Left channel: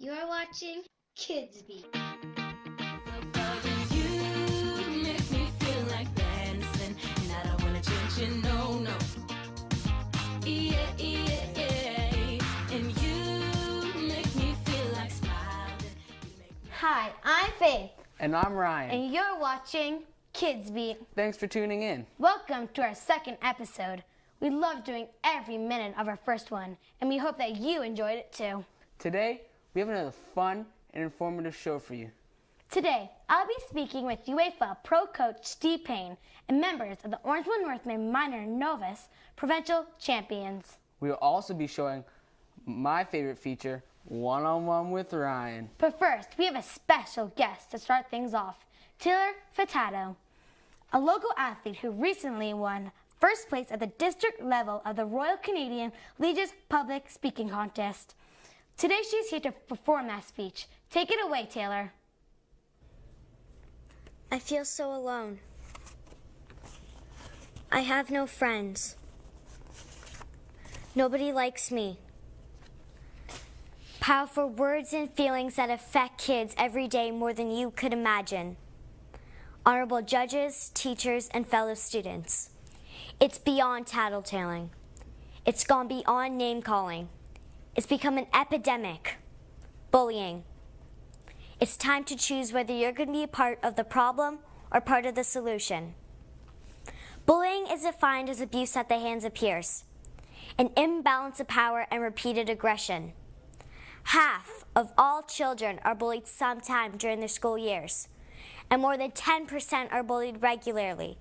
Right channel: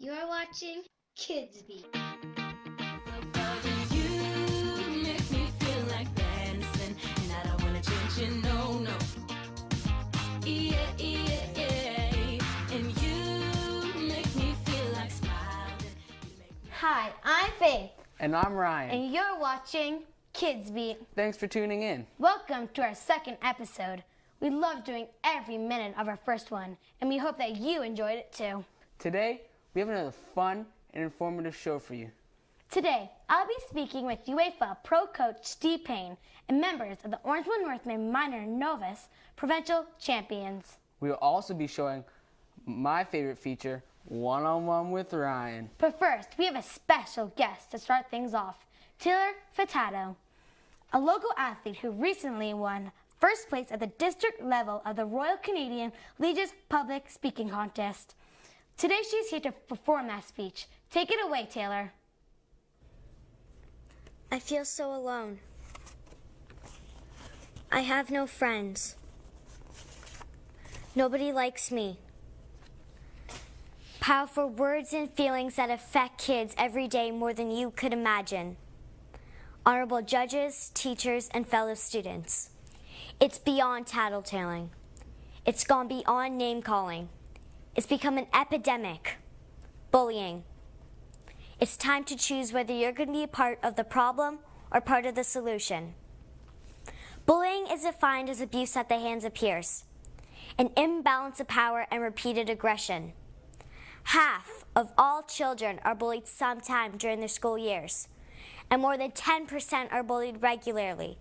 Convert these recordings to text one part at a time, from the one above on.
You're watching KidsBeat. You make me feel like dancing, and I don't wanna change you, no. Yeah. And you make me feel like smiling. Hi, I'm Faith. And I'm Ryan. And you're watching KidsBeat. Thanks for tuning in. Welcome to our second episode. We loved doing every minute of our first one, and we hope that you enjoyed it too. Today, we have another fun and informative show for you. Today, I'll be speaking with UEFA Pro Coach Steve Payne and members of the Orangeville Northmen Minor Novice provincial champions. We will also be showing my favorite feature, One-on-One with Ryan. But first, we have a special guest to start things off, Taylor Furtado, a local athlete who recently won first place at the district level of the Royal Canadian Legion's Public Speaking Contest. Today she's here to perform that speech. Take it away, Taylor. I feel so alone. I have no friends. Nobody likes me. Powerful words and feelings that affect kids every day more than you could imagine. Honorable judges, teachers, and fellow students. It's beyond tattletaling. It's gone beyond name-calling. It's become an epidemic. Bullying. It's time to choose whether you're going to be a part of the problem or part of the solution. Bullying is defined as abuse at the hands of peers, an imbalance of power and repeated aggression. Half of all children are bullied sometime during their school years, and more than 10% are bullied regularly.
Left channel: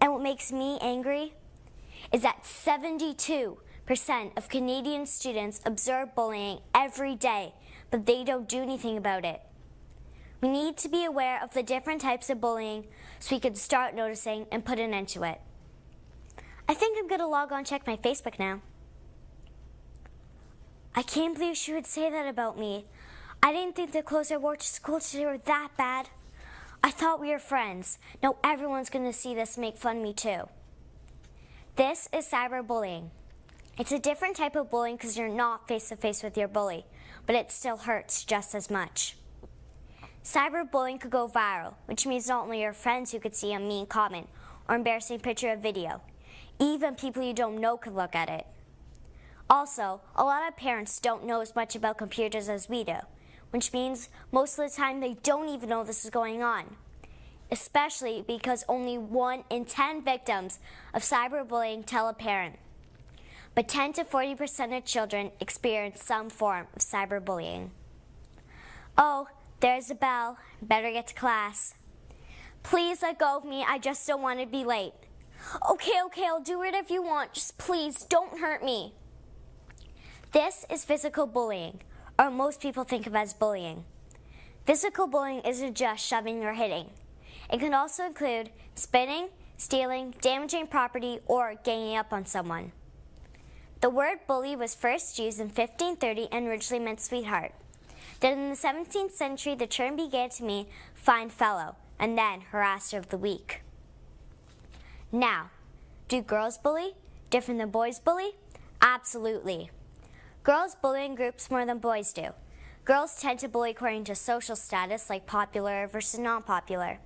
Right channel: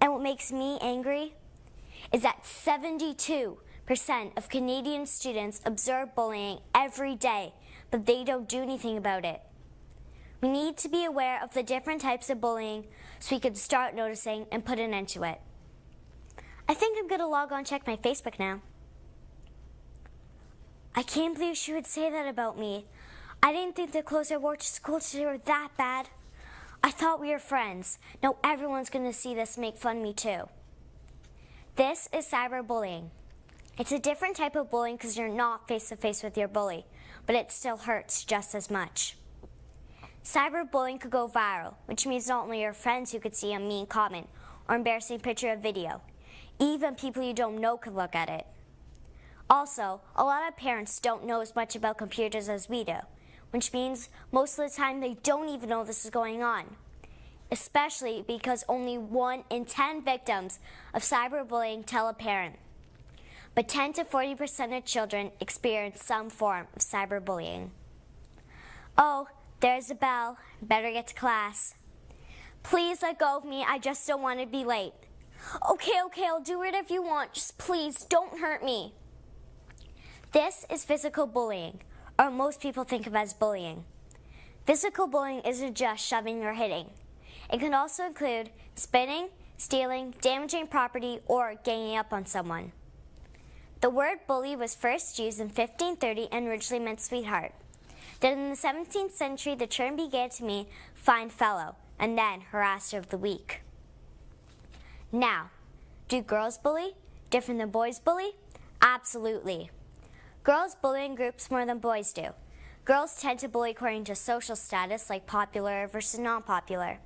And what makes me angry is that 72% of Canadian students observe bullying every day, but they don't do anything about it. We need to be aware of the different types of bullying so we can start noticing and put an end to it. I think I'm going to log on and check my Facebook now. I can't believe she would say that about me. I didn't think the clothes I wore to school today were that bad. I thought we were friends. Now everyone's going to see this and make fun of me too. This is cyberbullying. It's a different type of bullying because you're not face-to-face with your bully, but it still hurts just as much. Cyberbullying could go viral, which means not only your friends who could see a mean comment or embarrassing picture or video, even people you don't know could look at it. Also, a lot of parents don't know as much about computers as we do, which means most of the time they don't even know this is going on, especially because only 1 in 10 victims of cyberbullying tell a parent. But 10 to 40% of children experience some form of cyberbullying. Oh, there's a bell. Better get to class. Please let go of me. I just don't want to be late. Okay, I'll do it if you want. Just please don't hurt me. This is physical bullying, or most people think of as bullying. Physical bullying isn't just shoving or hitting. It can also include spitting, stealing, damaging property, or ganging up on someone. The word bully was first used in 1530 and originally meant sweetheart. Then in the 17th century, the term began to mean fine fellow, and then harasser of the weak. Now, do girls bully? Different than boys bully? Absolutely. Girls bully in groups more than boys do. Girls tend to bully according to social status, like popular versus non-popular.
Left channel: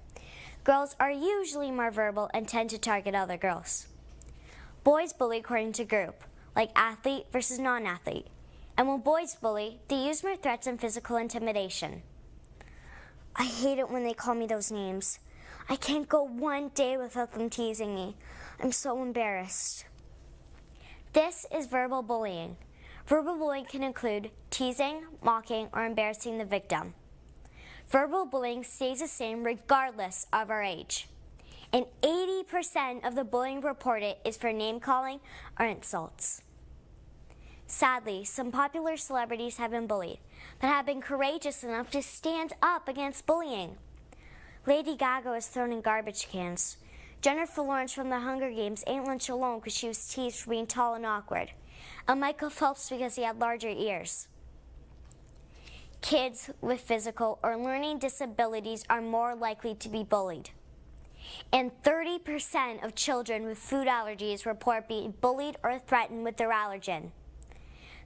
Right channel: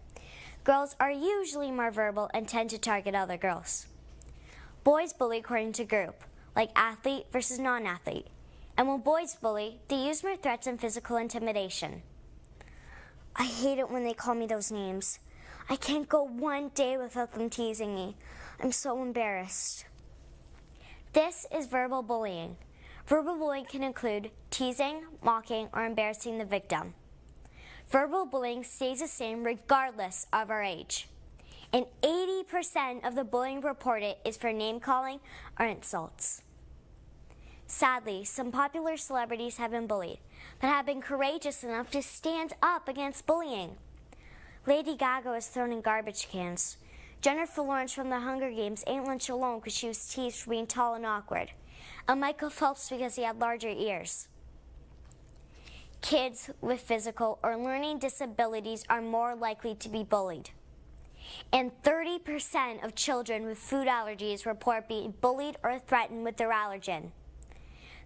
Girls are usually more verbal and tend to target other girls. Boys bully according to group, like athlete versus non-athlete. And when boys bully, they use more threats and physical intimidation. I hate it when they call me those names. I can't go one day without them teasing me. I'm so embarrassed. This is verbal bullying. Verbal bullying can include teasing, mocking, or embarrassing the victim. Verbal bullying stays the same regardless of our age. And 80% of the bullying reported is for name-calling or insults. Sadly, some popular celebrities have been bullied, but have been courageous enough to stand up against bullying. Lady Gaga was thrown in garbage cans. Jennifer Lawrence from the Hunger Games ate lunch alone because she was teased for being tall and awkward. And Michael Phelps because he had larger ears. Kids with physical or learning disabilities are more likely to be bullied. And 30% of children with food allergies report being bullied or threatened with their allergen.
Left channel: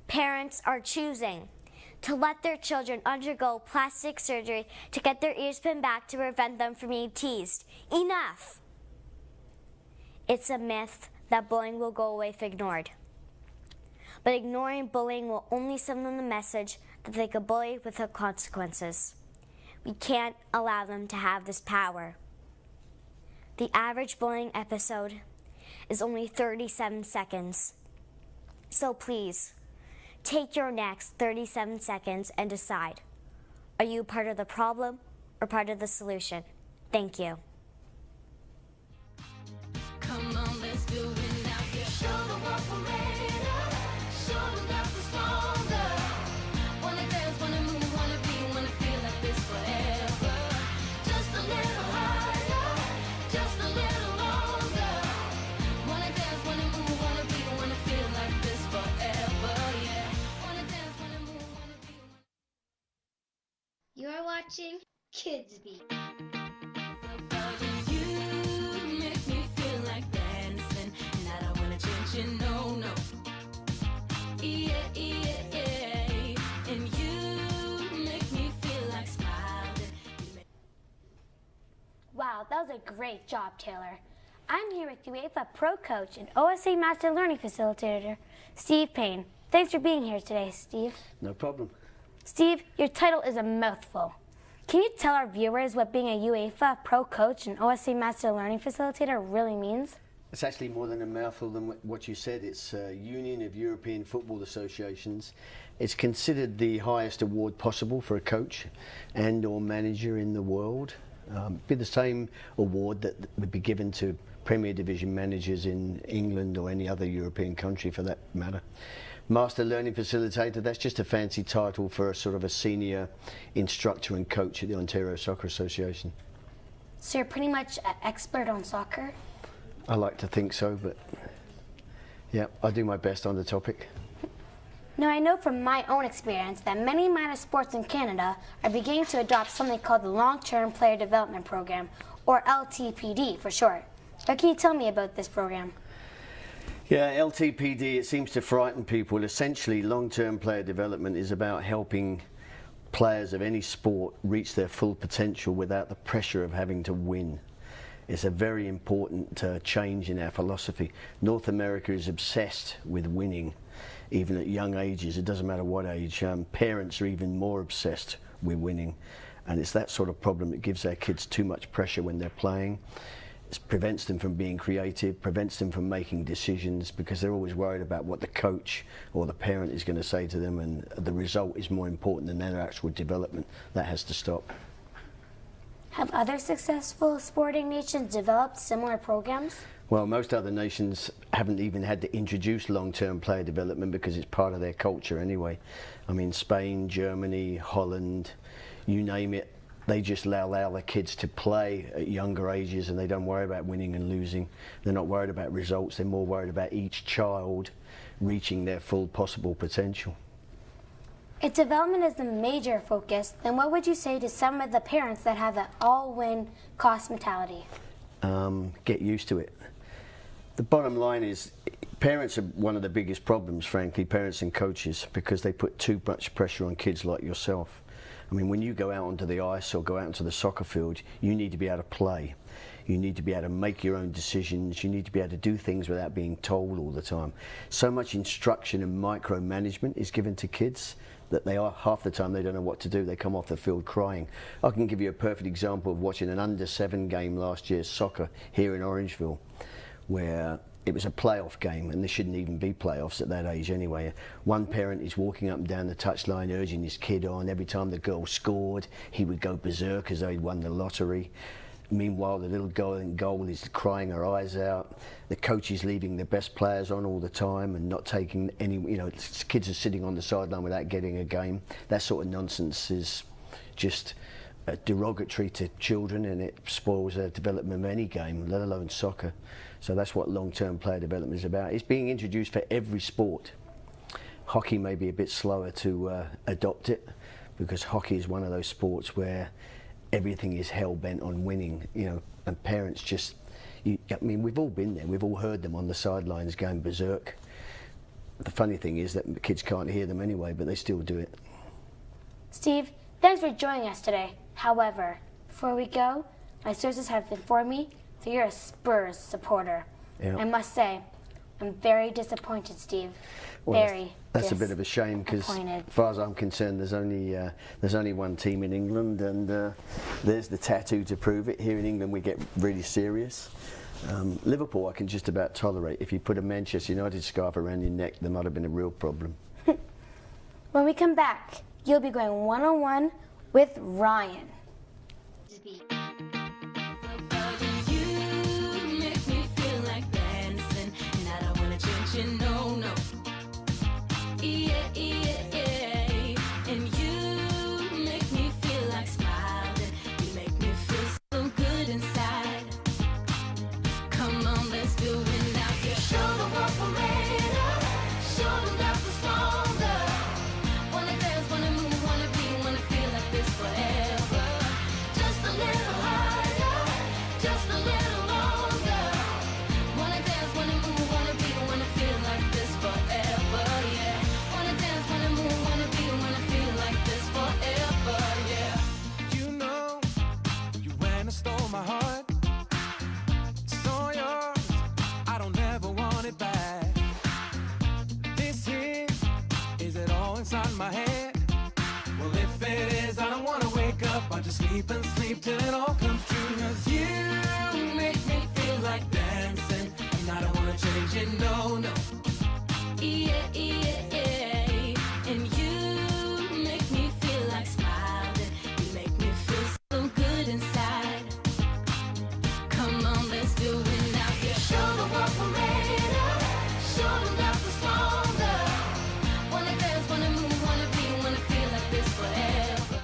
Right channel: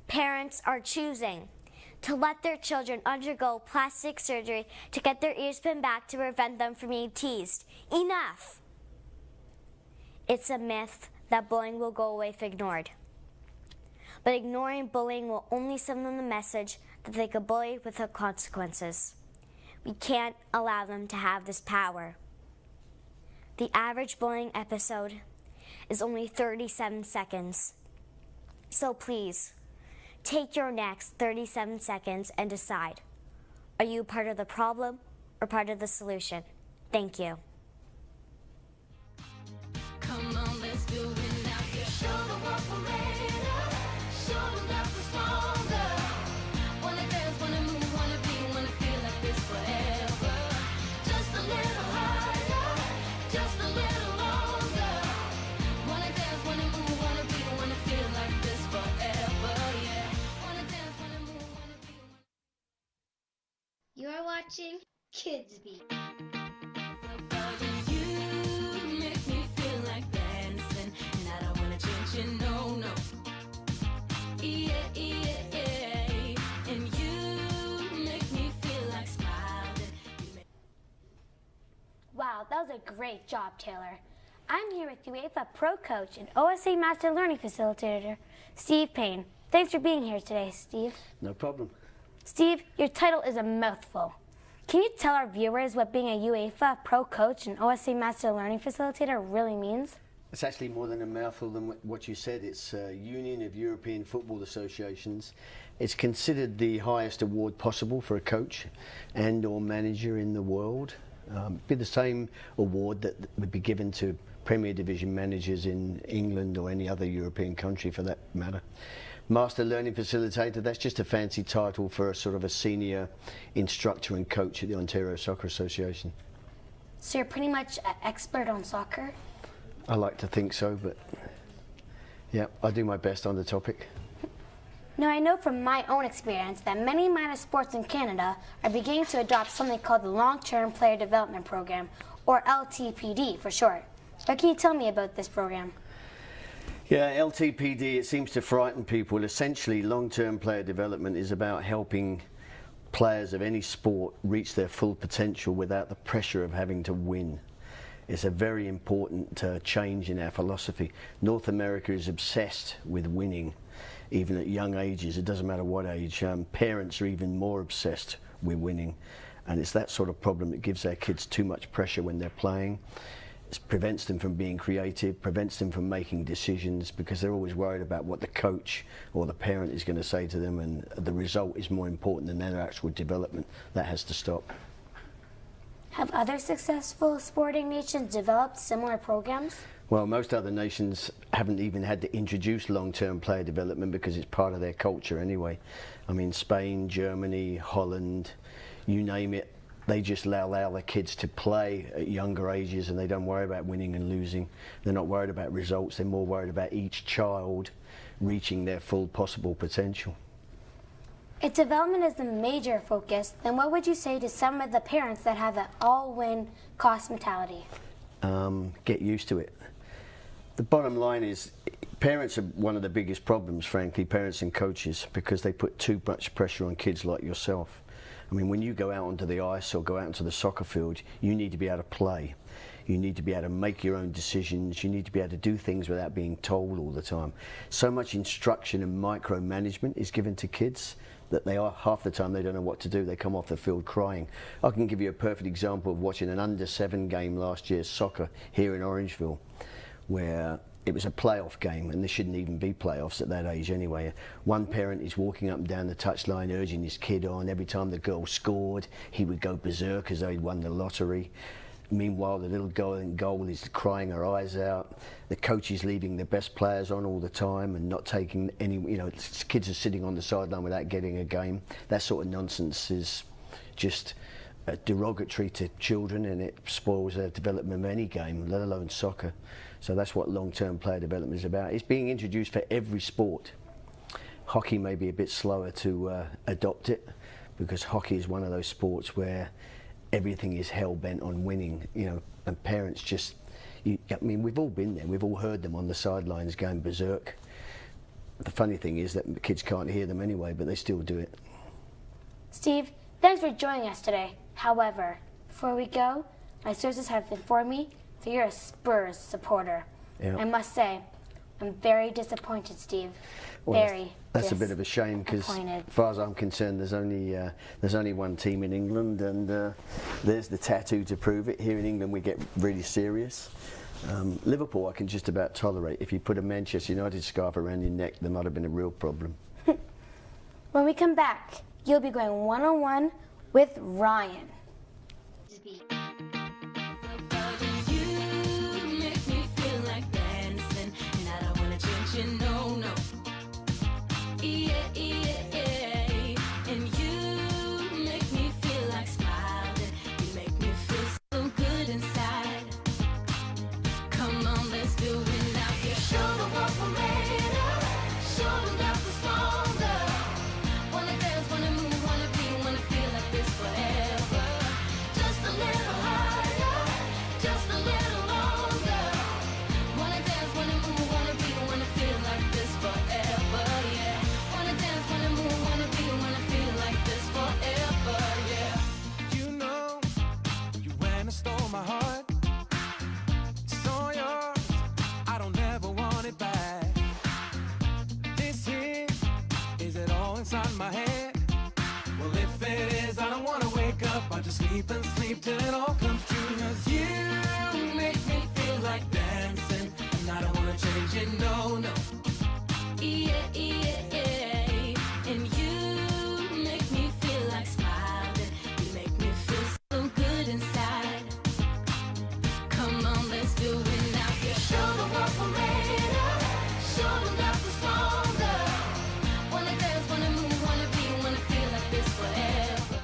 Parents are choosing. to let their children undergo plastic surgery to get their ears pinned back to prevent them from being teased. Enough! It's a myth that bullying will go away if ignored. But ignoring bullying will only send them the message that they could bully without consequences. We can't allow them to have this power. The average bullying episode is only 37 seconds. So please, take your next 37 seconds and decide. Are you part of the problem or part of the solution? Thank you. Come on, let's do it now. Show them what we're made of. Show them that we're stronger. Wanna dance, wanna move, wanna be, wanna feel like this forever. Just a little higher, just a little longer. Wanna dance, wanna move, wanna be, wanna feel like this forever. Yeah. Wanna dance, wanna move, wanna be. You're watching KidsBeat. You make me feel like dancing, and I don't wanna change you, no. Yeah, yeah, yeah. And you make me feel like smiling. Wow, that was a great job, Taylor. I'm here with UEFA Pro Coach and OSA Master Learning Facilitator, Steve Payne. Thanks for being here today, Steve. No problem. Steve, your title is a mouthful. Can you tell our viewers what being a UEFA Pro Coach and OSA Master Learning Facilitator really means? It's actually more than a mouthful than what you said. It's Union of European Football Associations. It's considered the highest award possible for a coach and or manager in the world. Be the same award that would be given to Premier Division managers in England or any other European country for that matter. Master Learning Facilitator, that's just a fancy title for a sort of a senior instructor and coach at the Ontario Soccer Association. So you're pretty much an expert on soccer? I like to think so, but yeah, I do my best on the topic. Now, I know from my own experience that many minor sports in Canada are beginning to adopt something called the Long-Term Player Development Program, or LTPD for short. What can you tell me about this program? Yeah, LTPD, it seems to frighten people. Essentially, long-term player development is about helping players of any sport reach their full potential without the pressure of having to win. It's a very important change in our philosophy. North America is obsessed with winning, even at young ages. It doesn't matter what age. Parents are even more obsessed with winning. And it's that sort of problem that gives our kids too much pressure when they're playing. It prevents them from being creative, prevents them from making decisions because they're always worried about what the coach or the parent is going to say to them, and the result is more important than their actual development. That has to stop. Have other successful sporting nations developed similar programs? Well, most other nations haven't even had to introduce long-term player development because it's part of their culture anyway. I mean, Spain, Germany, Holland, you name it, they just allow their kids to play at younger ages and they don't worry about winning and losing. They're not worried about results, they're more worried about each child reaching their full possible potential. If development is the major focus, then what would you say to some of the parents that have an all-win cost mentality? Get used to it. The bottom line is parents are one of the biggest problems, frankly, parents and coaches, because they put too much pressure on kids like yourself. I mean, when you go out onto the ice or go out onto the soccer field, you need to be able to play. You need to be able to make your own decisions. You need to be able to do things without being told all the time. So much instruction and micromanagement is given to kids that they are, half the time they don't know what to do. They come off the field crying. I can give you a perfect example of watching an under-7 game last year, soccer, here in Orangeville, where it was a playoff game, and there shouldn't even be playoffs at that age anyway. One parent is walking up and down the touchline urging his kid on. Every time the girl scored, he would go berserk as though he'd won the lottery. Meanwhile, the little girl in goal is crying her eyes out. The coach is leaving the best players on all the time and not taking any, kids are sitting on the sideline without getting a game. That sort of nonsense is just derogatory to children, and it spoils their development of any game, let alone soccer. So that's what long-term player development is about. It's being introduced for every sport. Hockey may be a bit slower to adopt it, because hockey is one of those sports where everything is hell-bent on winning, and parents just, we've all been there, we've all heard them on the sidelines going berserk. The funny thing is that the kids can't hear them anyway, but they still do it. Steve, thanks for joining us today. However, before we go, my sources have informed me that you're a Spurs supporter. Yeah. I must say, I'm very disappointed, Steve. Well, Very that's a bit of a shame because, disappointed. as far as I'm concerned, there's only one team in England, and there's the tattoo to prove it. Here in England, we get really serious. Liverpool, I can just about tolerate. If you put a Manchester United scarf around your neck, there might have been a real problem. When we come back, you'll be going one-on-one with Ryan. You make me feel like dancing, and I don't wanna change you, no. Yeah, and you make me feel like smiling. You make me feel so good inside. Come on, let's do it now. You show the world for me, show them that we're stronger. Wanna dance, wanna move, wanna be, wanna feel like this forever. Just a little higher, just a little longer. Wanna dance, wanna move, wanna be, wanna feel like this forever, yeah. Wanna dance, wanna move, wanna be, wanna feel like this forever, yeah. You know, you went and stole my heart. It's all yours. I don't ever want it back. This here, is it all inside my head? Well, if it is, I don't wanna wake up. I just sleep and sleep till it all comes true. 'Cause you make me feel like dancing, and I don't wanna change it, no. Yeah, and you make me feel like smiling. You make me feel so good inside. Come on, let's do it now. You show the world for me, show them that we're stronger. Wanna dance, wanna move, wanna be, wanna feel like this forever.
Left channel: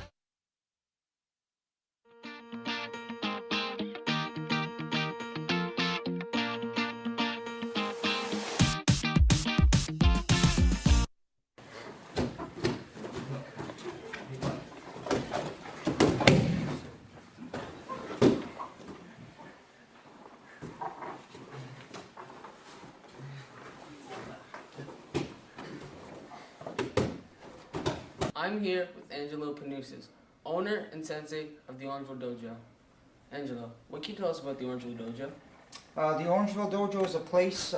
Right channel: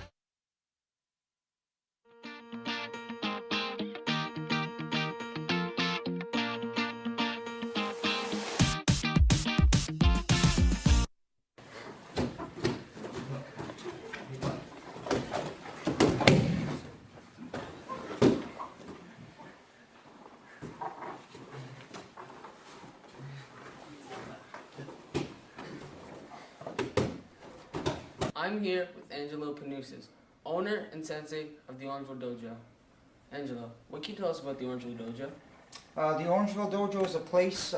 I'm here with Angelo Panoussis, owner and sensei of the Orangeville Dojo. Angelo, what can you tell us about the Orangeville Dojo? The Orangeville Dojo is a place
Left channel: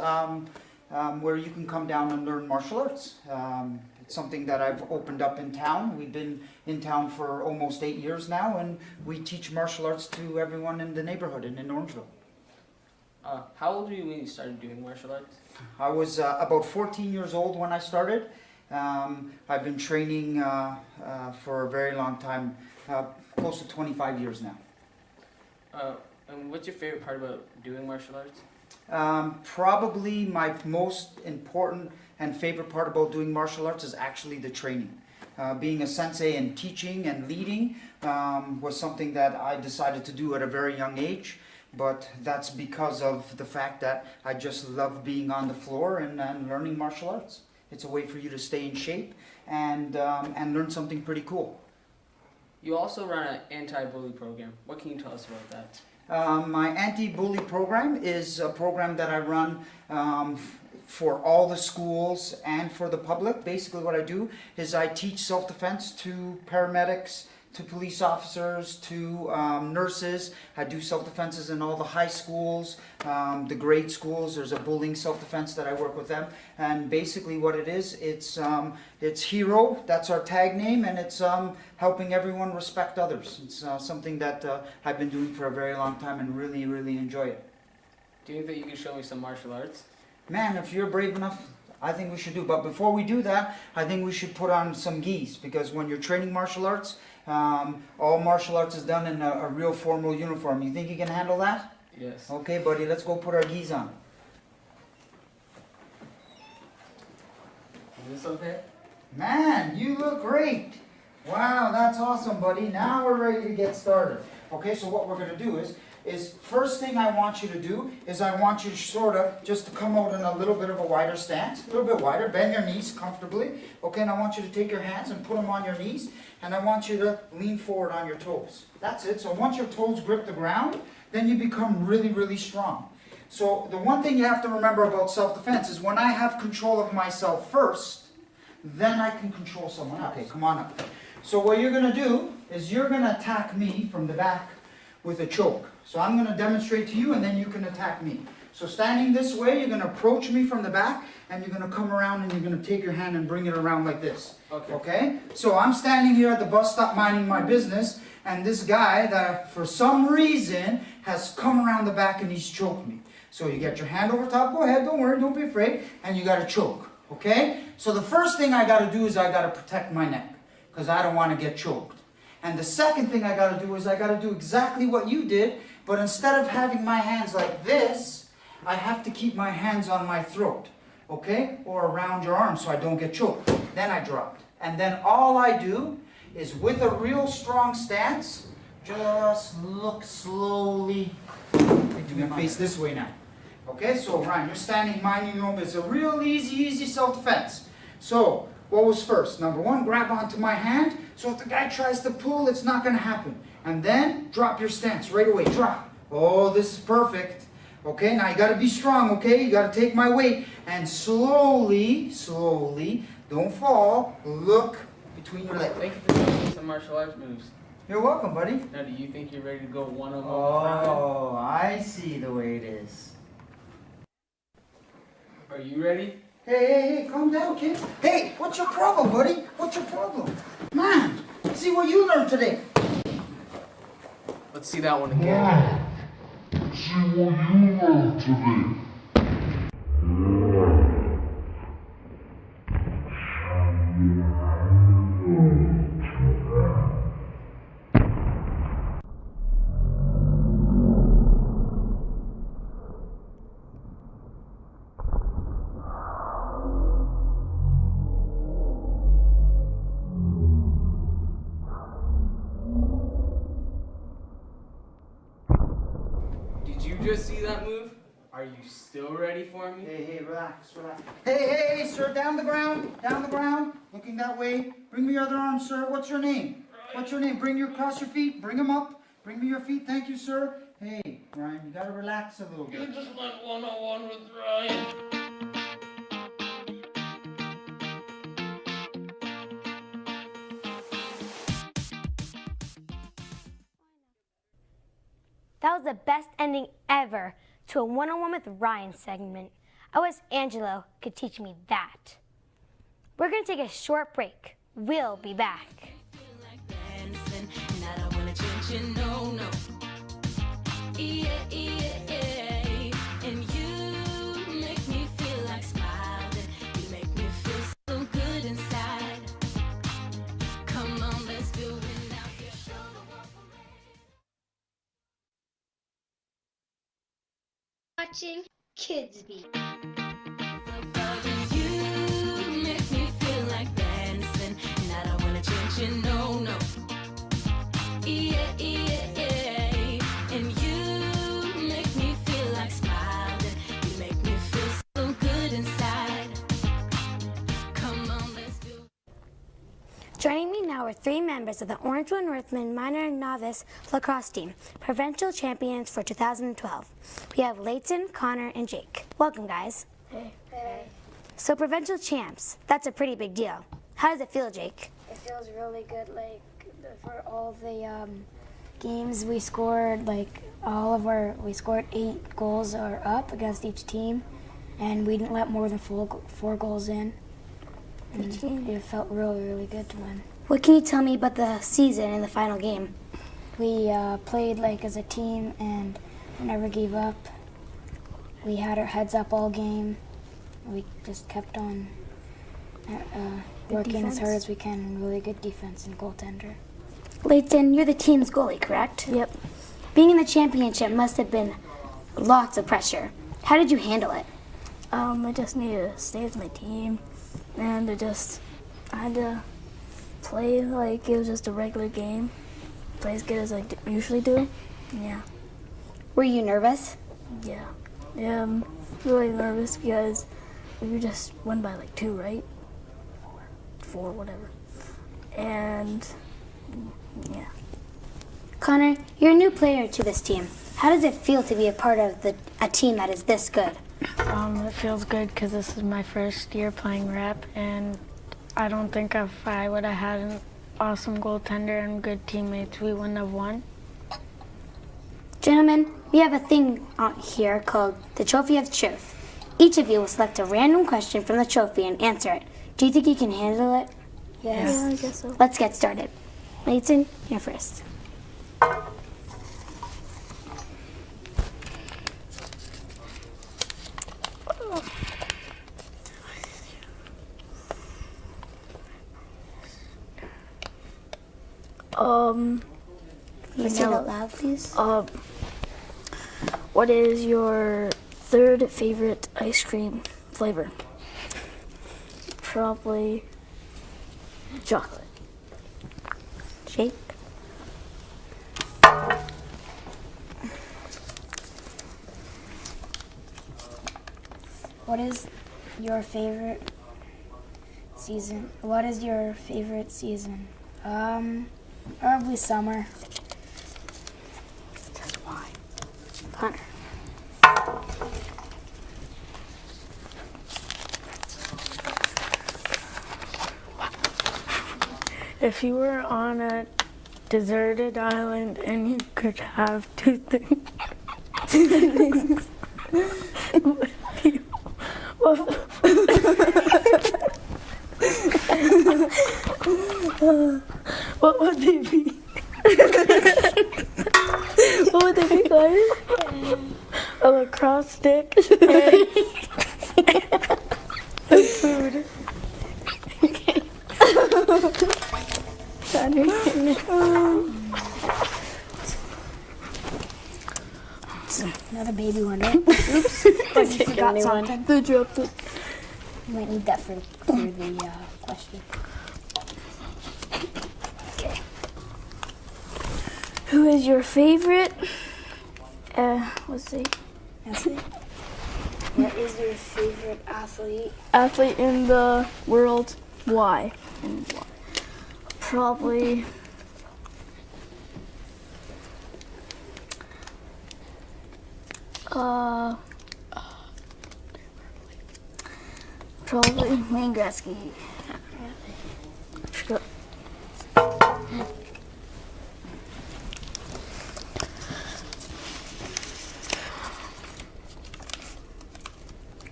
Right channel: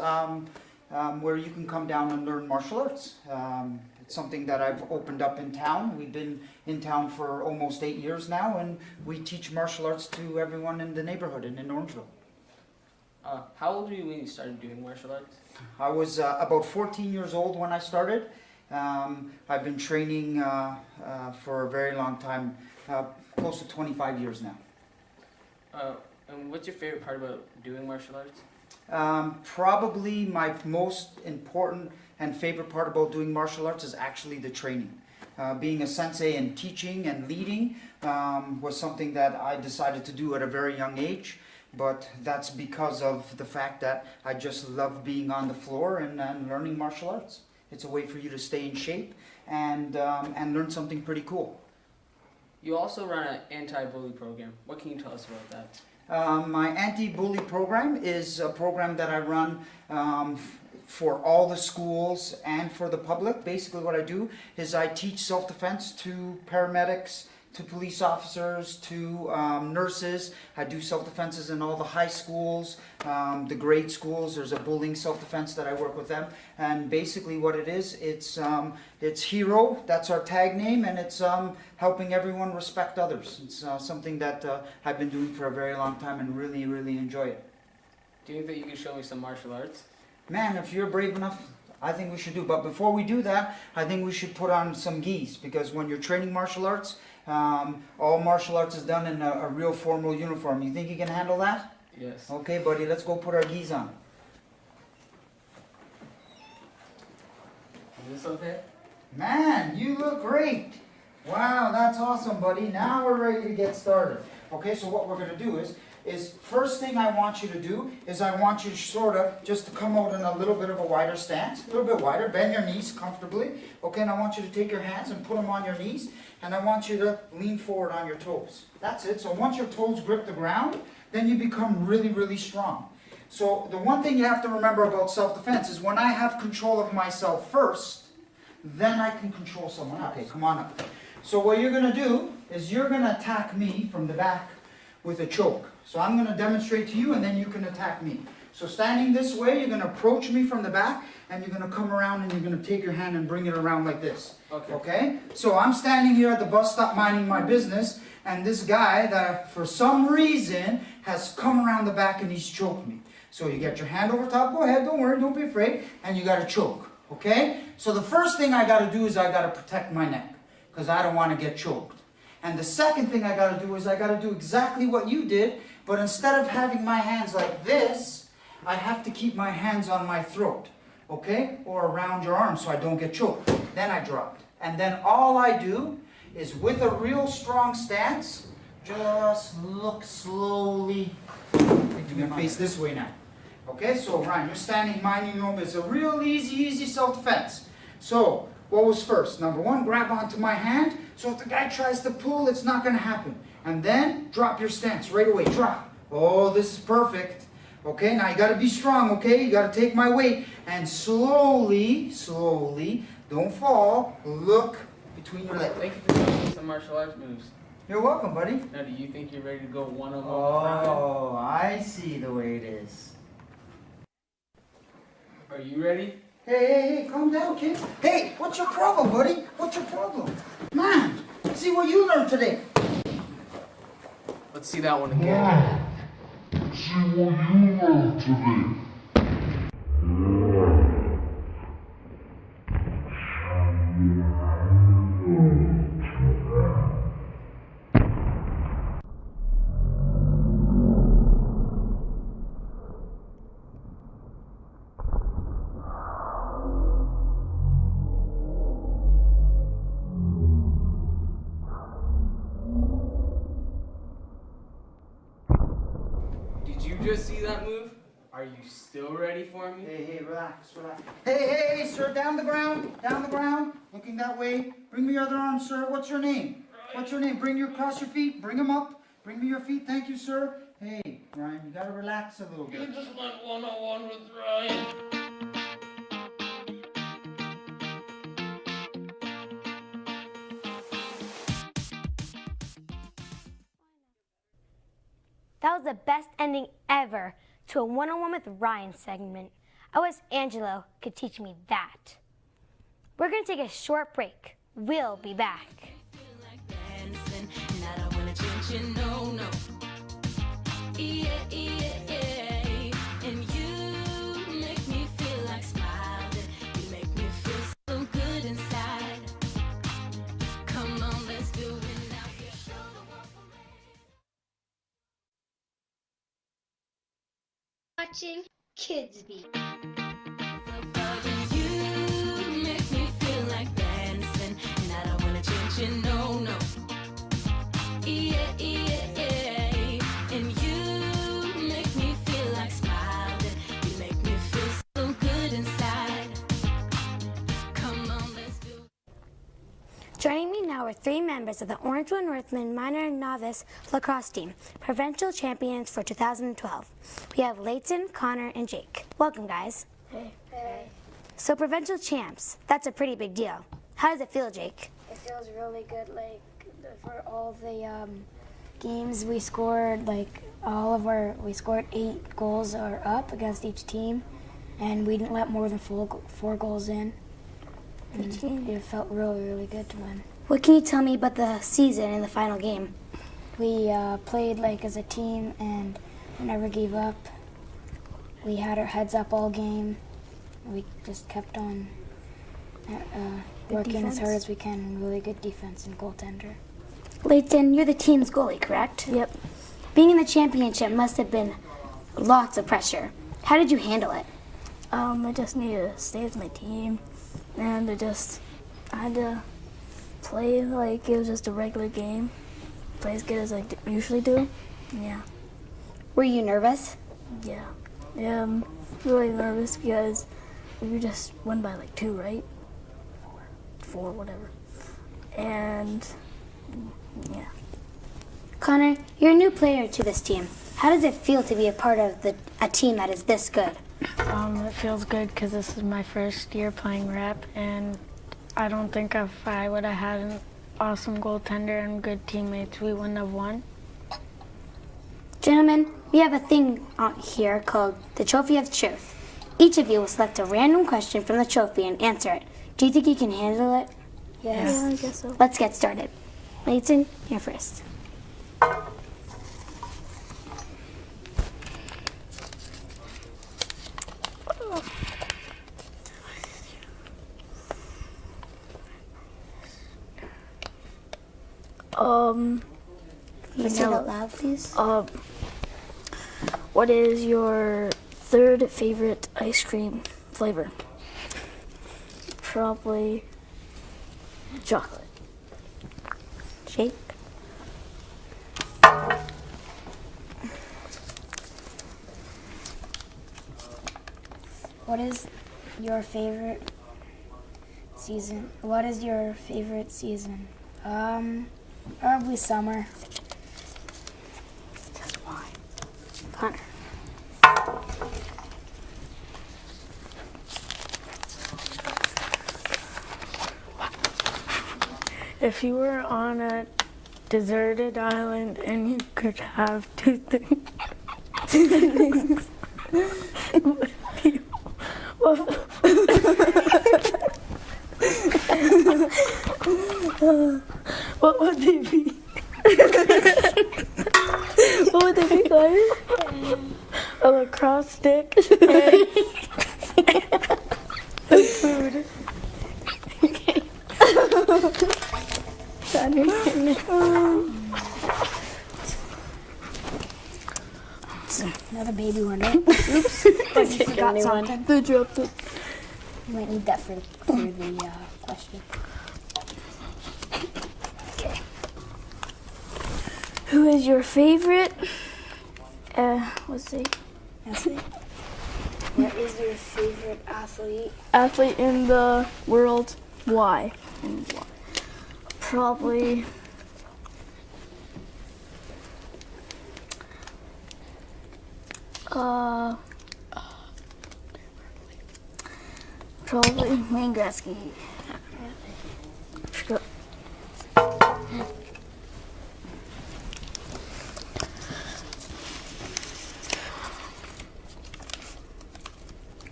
where you can come down and learn martial arts. It's something that I've opened up in town. We've been in town for almost 8 years now, and we teach martial arts to everyone in the neighborhood and in Orangeville. How old were you when you started doing martial arts? I was about 14 years old when I started. I've been training for a very long time, close to 25 years now. And what's your favorite part about doing martial arts? Probably my most important and favorite part about doing martial arts is actually the training. Being a sensei and teaching and leading was something that I decided to do at a very young age, but that's because of the fact that I just love being on the floor and learning martial arts. It's a way for you to stay in shape and learn something pretty cool. You also run an anti-bully program. What can you tell us about that? My anti-bully program is a program that I run for all the schools and for the public. Basically what I do is I teach self-defense to paramedics, to police officers, to nurses. I do self-defenses in all the high schools, the grade schools. There's a bullying self-defense that I work with them. And basically what it is, it's HERO, that's our tag name, and it's helping everyone respect others. It's something that I've been doing for a very long time and really, really enjoy it. Do you think that you can show me some martial arts? Man, if you're brave enough, I think we should do. But before we do that, I think we should put on some gis, because when you're training martial arts, all martial arts is done in a real formal uniform. You think you can handle that? Yes. Okay, buddy, let's go put our gis on. Is this okay? Man, you look great. Wow, that's awesome, buddy. Now we're ready to get started. Okay, so what we're going to do is first thing I want you to do is I want you to sort of just to come out in a little bit of a wider stance, a little bit wider, bend your knees comfortably. Okay, and I want you to take your hands and put them on your knees, and I want you to lean forward on your toes. That's it. So once your toes grip the ground, then you become really, really strong. So the one thing you have to remember about self-defense is when I have control of myself first, then I can control someone else. Okay, come on up. So what you're gonna do is you're gonna attack me from the back with a choke. So I'm gonna demonstrate to you and then you can attack me. So standing this way, you're gonna approach me from the back and you're gonna come around and you're gonna take your hand and bring it around like this. Okay? So I'm standing here at the bus stop minding my business, and this guy that for some reason has come around the back and he's choked me. So you get your hand over top, go ahead, don't worry, don't be afraid, and you gotta choke. Okay? So the first thing I gotta do is I gotta protect my neck, because I don't wanna get choked. And the second thing I gotta do is I gotta do exactly what you did, but instead of having my hands like this, I have to keep my hands on my throat, okay? Or around your arm so I don't get choked. Then I drop. And then all I do is with a real strong stance, just look slowly. You're gonna face this way now. Okay, so Ryan, you're standing minding your own. It's a real easy self-defense. So, what was first? Number one, grab onto my hand. So if the guy tries to pull, it's not gonna happen. And then drop your stance right away. Drop. Oh, this is perfect. Okay, now you gotta be strong, okay? You gotta take my weight and slowly, don't fall, look between your legs. Thank you for teaching me some martial arts moves. You're welcome, buddy. Now, do you think you're ready to go one-on-one with Ryan? Oh, I see the way it is. Are you ready? Hey, calm down, kid. Hey, what's your problem, buddy? What's your problem? Man, let's see what you learned today. Let's see that one again. Did you just see that move? Are you still ready for me? Hey, relax. Hey, sir, down the ground, looking that way. Bring me your other arm, sir. What's your name? Bring your, cross your feet, bring them up. Bring me your feet, thank you, sir. Hey, Ryan, you gotta relax a little bit. You just like one-on-one with Ryan. That was the best ending ever to a one-on-one with Ryan segment. I wish Angelo could teach me that. We're going to take a short break. We'll be back. Dancing, and I don't wanna change you, no. Yeah. And you make me feel like smiling. You make me feel so good inside. Come on, let's do it now. Just show the world. Watching KidsBeat. You make me feel like dancing, and I don't wanna change you, no. Yeah. And you make me feel like smiling. You make me feel so good inside. Come on, let's do it. Joining me now are three members of the Orangeville Northmen minor and novice lacrosse team, provincial champions for 2012. We have Leighton, Connor, and Jake. Welcome, guys. Hey. So provincial champs, that's a pretty big deal. How does it feel, Jake? It feels really good. Like for all the games we scored, we scored 8 goals or up against each team, and we didn't let more than 4 goals in. And it felt really good to win. What can you tell me about the season and the final game? We played as a team and we never gave up. We had our heads up all game. We just kept on working as hard as we can, and really good defense and goaltender. Leighton, you're the team's goalie, correct? Yep. Being in the championship must have been lots of pressure. How did you handle it? I just needed to stay with my team, and I had to play like it was just a regular game. Play as good as I usually do. Yeah. Were you nervous? Yeah. I'm really nervous because we just won by 2, right? 4, whatever. And yeah. Connor, you're a new player to this team. How does it feel to be a part of a team that is this good? It feels good because this is my first year playing rep, and I don't think if I would have had awesome goaltender and good teammates, we wouldn't have won. Gentlemen, we have a thing here called the Trophy of Truth. Each of you will select a random question from the trophy and answer it. Do you think you can handle it? Yes. Yeah, I guess so. Let's get started. Leighton, you're first. Can you say it out loud, please? What is your third favorite ice cream flavor? Probably chocolate. Shake. What is your favorite season? What is your favorite season? Probably summer. Hunter. If you were on a deserted island and you could have two things, what would they be? What would they be, guys? A lacrosse stick and food. Another baby one, right? Oops. You forgot something. They dropped it. You might need that for the question. Okay. Who is your favorite? Let's see. Athlete? What is your favorite athlete? Athlete in the world. Why? And why? Probably. Probably Wayne Gretzky.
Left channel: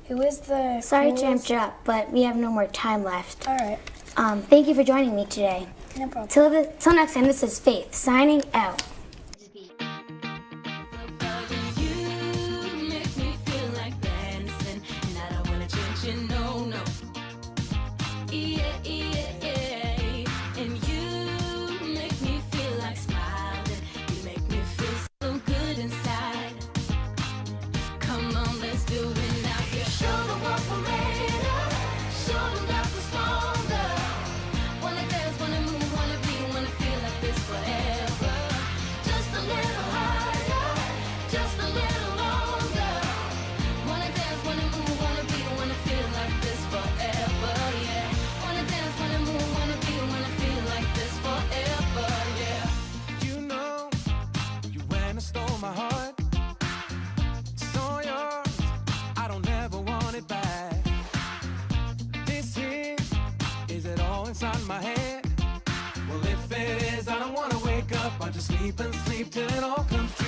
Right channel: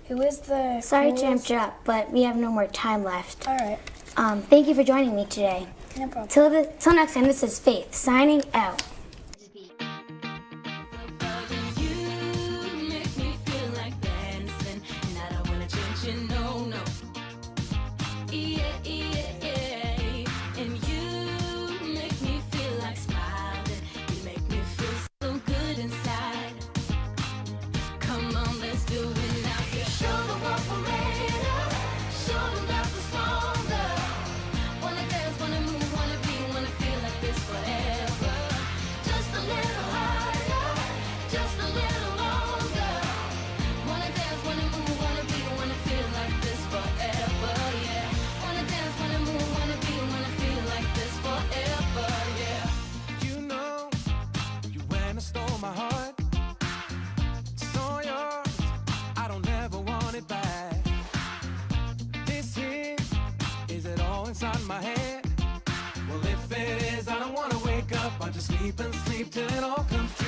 Who is the Sorry to coolest- interrupt, but we have no more time left. All right. Thank you for joining me today. No problem. Till next time, this is Faith signing out. You make me feel like dancing, and I don't wanna change you, no, no. Yeah, yeah, yeah. And you make me feel like smiling. You make me feel so good inside. Come on, let's do it now. You show them what we're made of. Show them that we're stronger. Wanna dance, wanna move, wanna be, wanna feel like this forever. Just a little higher, just a little longer. Wanna dance, wanna move, wanna be, wanna feel like this forever, yeah. Wanna dance, wanna move, wanna be, wanna feel like this forever, yeah. You know, you went and stole my heart. It's all yours. I don't ever want it back. This here, is it all inside my head? Well, if it is, I don't wanna wake up. I just sleep and sleep till it all comes true.